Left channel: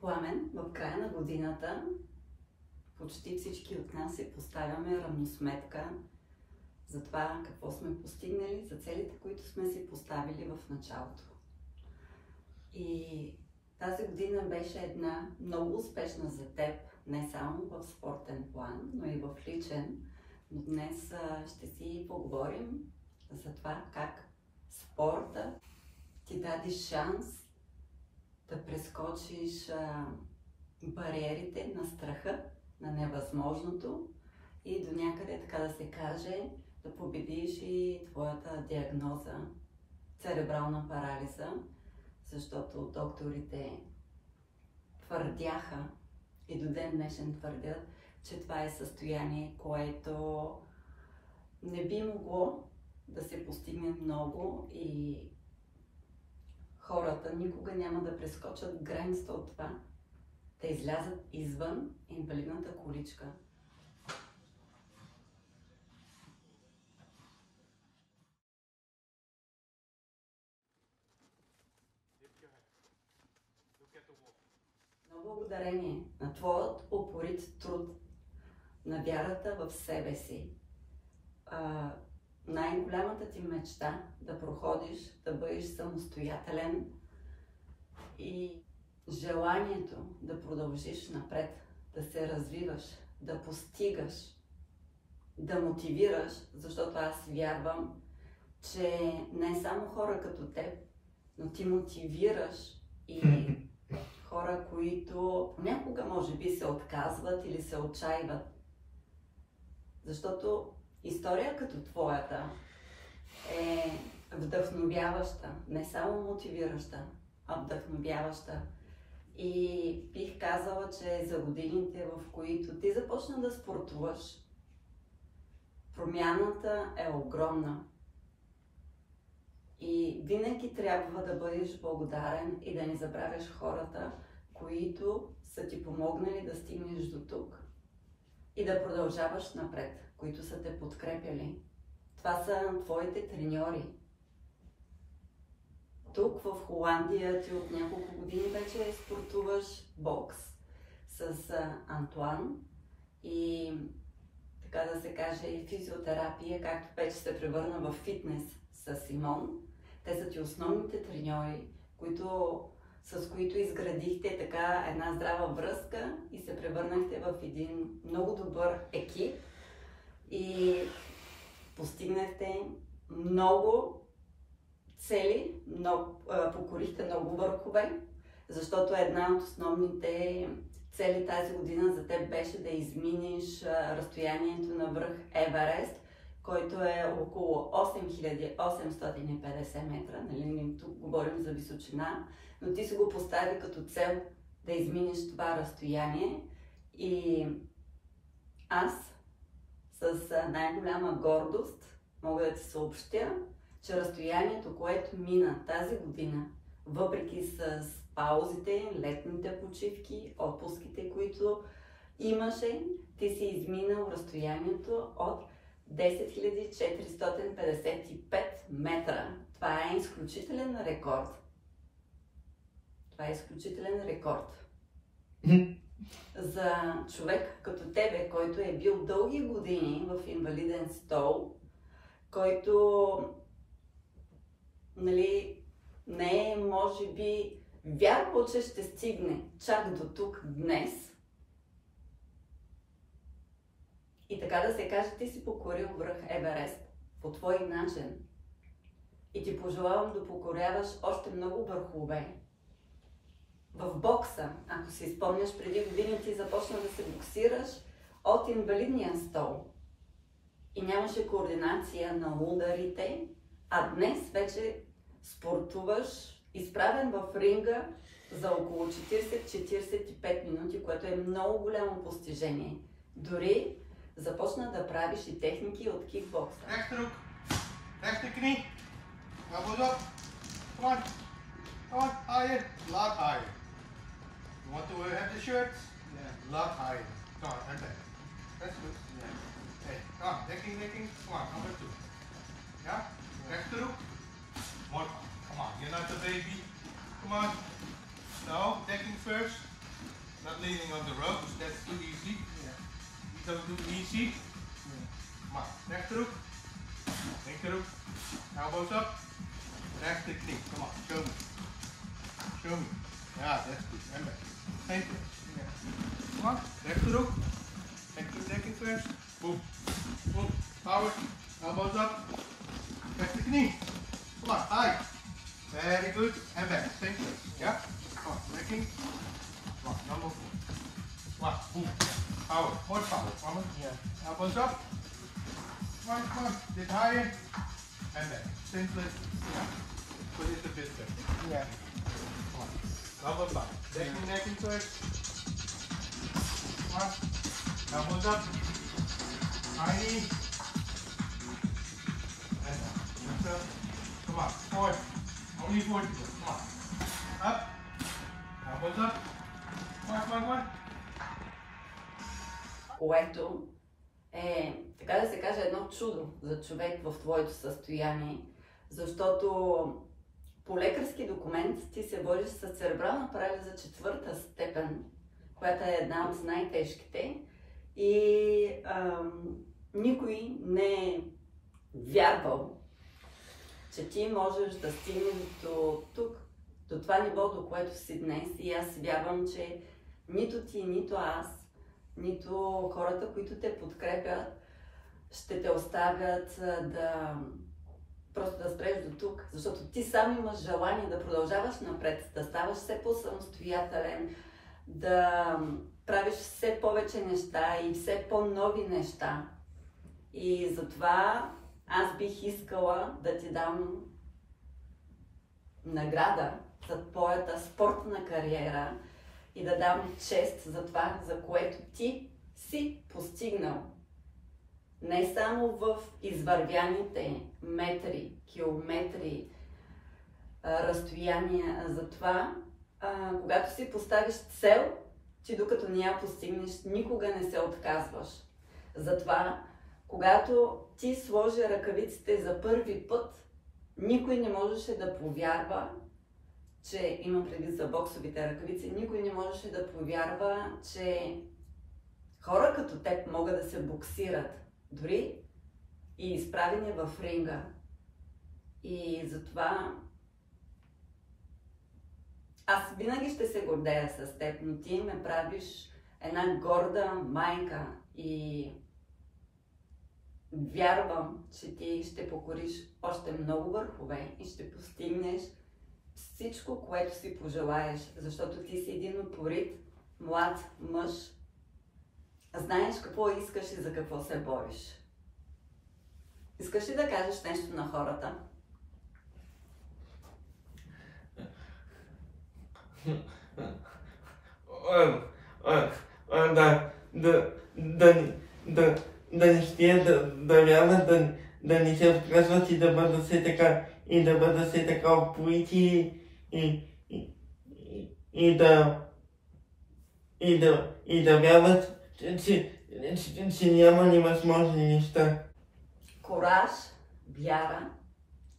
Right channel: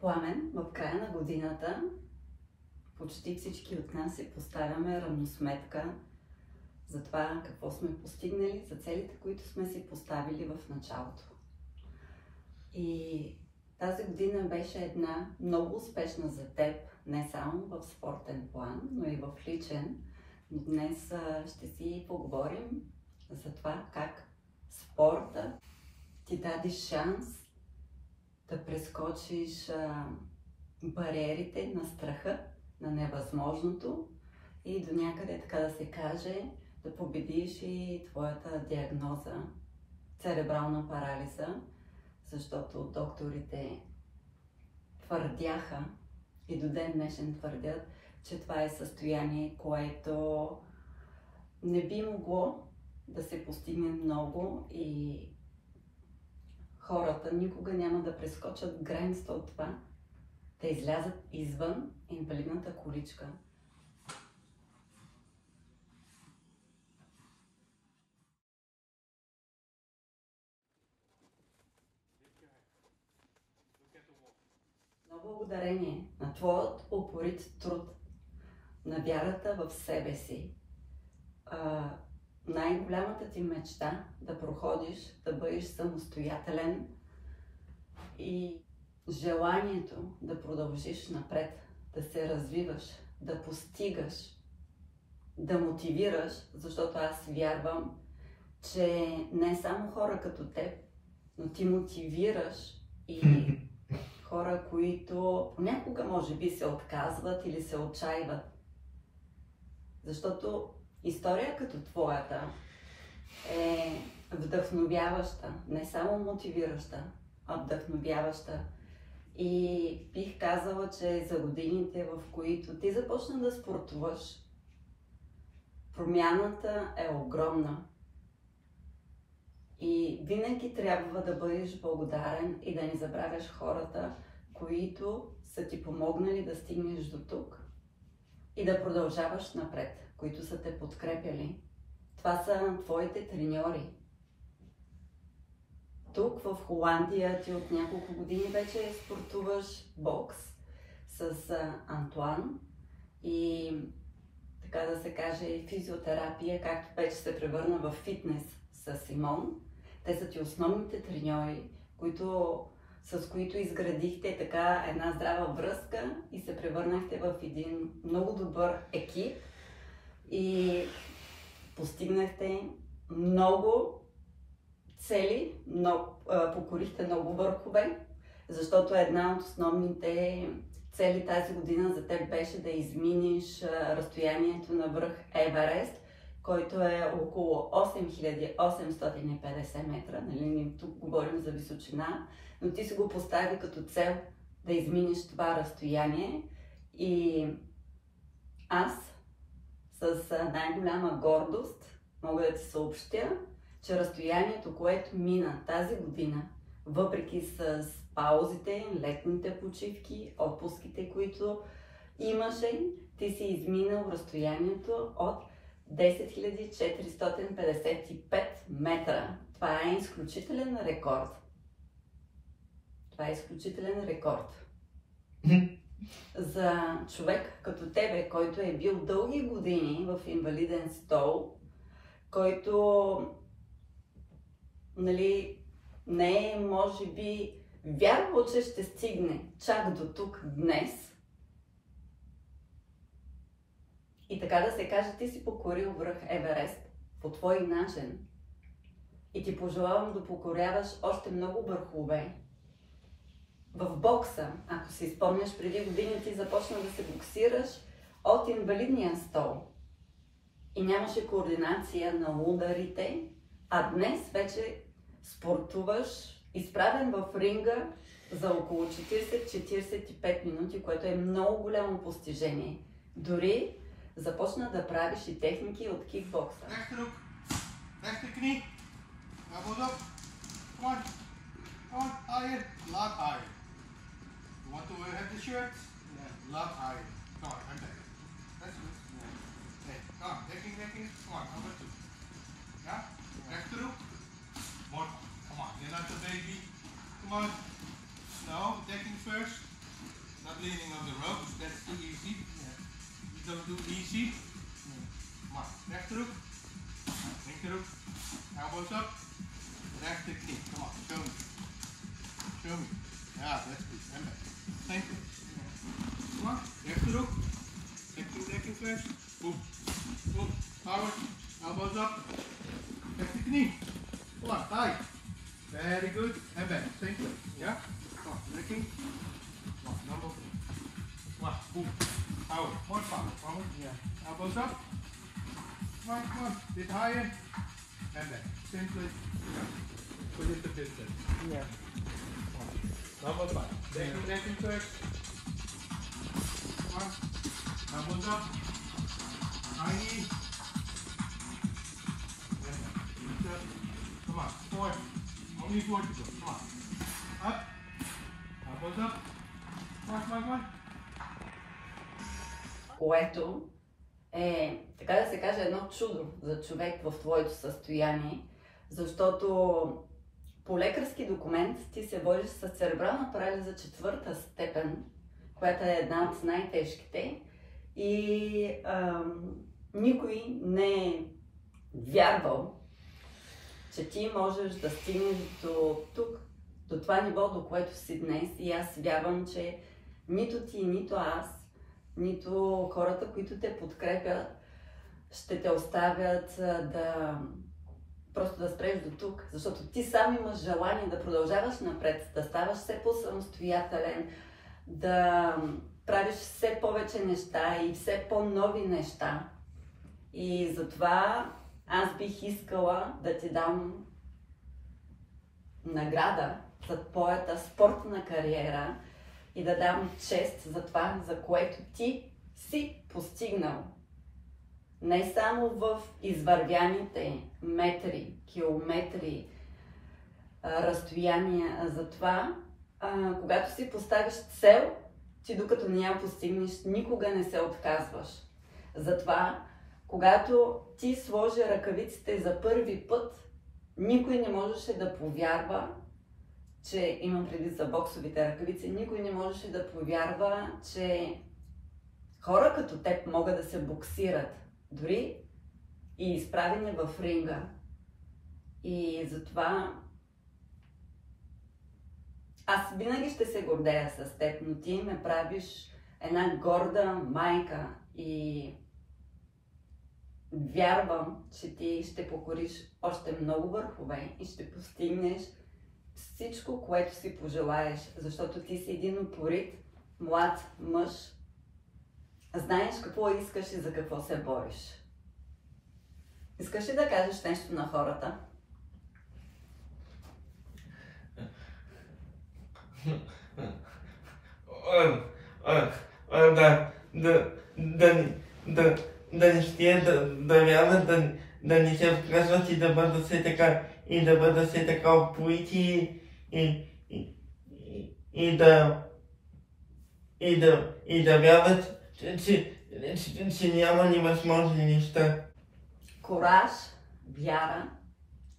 Пламен, в края на годината почти всички от нас си поставяме равносметка за това какво сме постигнали, за целите, които сме си поставили в началото. И тази година беше една много успешна за теб, не само в спортен план, но и в личен. Но днес ще си поговорим за това как спорта ти даде шанс да прескочиш бариерите на страха, на невъзможното и до някъде, така да се каже, да победиш и твоята диагноза церебрална парализа, защото докторите твърдяха и до ден днешен твърдят, че това е състояние, което не би могло да се постигне много и хората никога няма да прескочат границата от това, да излязат извън инвалидната количка. Но благодарение на твоят упорит труд, на вярата в себе си, най-голямата ти мечта да проходиш, да бъдеш самостоятелен и желанието да продължиш напред, да се развиваш, да постигаш, да мотивираш, защото аз вярвам, че не само хора като теб, но ти мотивираш и хора, които понякога може би се отказват или се отчаиват. Защото история като твоята е вдъхновяваща, не само мотивираща, а вдъхновяваща. И бих казала, че за годините, в които ти започна да спортуваш, промяната е огромна. И винаги трябва да бъдеш благодарен и да не забравяш хората, които са ти помогнали да стигнеш до тук и да продължаваш напред, които са те подкрепяли. Това са твоите треньори. Тук в Холандия ти от няколко години вече спортуваш бокс с Антуан и така да се каже физиотерапия, както вече се превърна в фитнес с Симон. Те са ти основните треньори, с които изградихте така една здрава връзка и се превърнахте в един много добър екип и постигнахте много цели, покорихте много върхове, защото една от основните цели тази година за теб беше да изминеш разстоянието на връх Еверест, който е около 8850 метра. Нали, тук говорим за височина, но ти си го постави като цел да изминеш това разстояние и аз с най-голяма гордост мога да ти съобщя, че разстоянието, което мина тази година, въпреки с паузите, летните почивки, отпуските, които имаше, ти си изминал разстоянието от 10 455 метра. Това е изключителен рекорд. Това е изключителен рекорд. За човек като тебе, който е бил дълги години в инвалиден стол, който не е, може би, вярвал, че ще стигне чак до тук днес. И така да се каже, ти си покорил връх Еверест по твой начин. И ти пожелавам да покоряваш още много върхове. В бокса, ако си спомняш, преди години ти започна да се боксираш от инвалидния стол. И нямаше координация на ударите, а днес вече спортуваш изправен в ринга за около 40-45 минути, което е много голямо постижение. Дори започна да правиш и техники от кикбокса. Rechte hoek, rechte knie, elbows up, come on, higher, lot higher. You want to have the shirt? Yeah. Lot higher, come on, and back. That's good, yeah. Hey, come on, decking, come on, number 2. Yeah? Rechte hoek, more, come on, you're not a baby, come on. No, decking first, not leaning on the rope. That's too easy. Yeah. You don't do easy. Yeah. Come on, rechterhoek, linkerhoek, elbows up, rechter knee. Come on, show me. Show me. Yeah, that's good. And back. Same place. Yeah. Come on, rechterhoek. Decking first. Boom. Boom. Power. Elbows up. Rechter knee. Come on, high. Very good. And back. Same place. Yeah? Come on, necking. Come on, number 4. Come on, boom. Power. More power. Come on. Yeah. Elbows up. Come on. Bit higher. And back. Same place. Yeah? Put it a bit there. Yeah. Come on. Number 5. Decking first. Come on. Elbows up. High knee. And up. Come on. 4. Only 4 to go. Come on. Up. Elbows up. Come on. Което е, така да се каже, едно чудо за човек в твоето състояние, защото по лекарски документ ти се водиш с церебрална парализа 4-та степен, която е една от най-тежките, и никой не е вярвал, че ти можеш да стигнеш до тук, до това ниво, до което си днес. И аз вярвам, че нито ти, нито аз, нито хората, които те подкрепят, ще те оставят просто да спреш до тук. Защото ти сам имаш желание да продължаваш напред, да ставаш все по-самостоятелен, да правиш все повече неща и все по-нови неща. И затова аз бих искала да ти дам награда за твоята спортна кариера и да дам чест за това, за което ти си постигнал. Не само в извървяните метри, километри, разстояния, за това, когато си поставиш цел, ти докато не я постигнеш, никога не се отказваш. Затова, когато ти сложи ръкавиците за първи път, никой не можеше да повярва, че имам предвид за боксовите ръкавици, никой не можеше да повярва, че хора като теб могат да се боксират, дори и изправени в ринга. И затова аз винаги ще се гордея с теб, но ти ме правиш една горда майка и вярвам, че ти ще покориш още много върхове и ще постигнеш всичко, което си пожелаеш, защото ти си един упорит, млад мъж. Знаеш какво искаш и за какво се бориш. Искаш ли да кажеш нещо на хората? Да не ще да вярват, да не се отказват и да бъдат все така, и да бъдат все така упорити и да вярват, че няма невъзможни неща. Кораж, вяра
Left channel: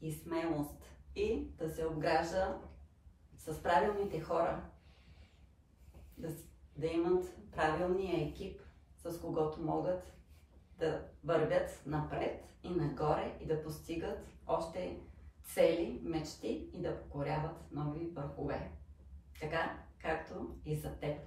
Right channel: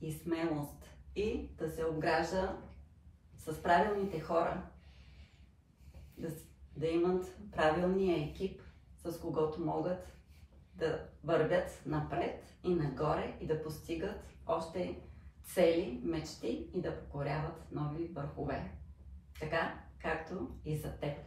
и смелост. И да се обгражда с правилните хора. Да имат правилния екип, с когото могат да вървят напред и нагоре и да постигат още цели, мечти и да покоряват нови върхове. Така, както и за теб.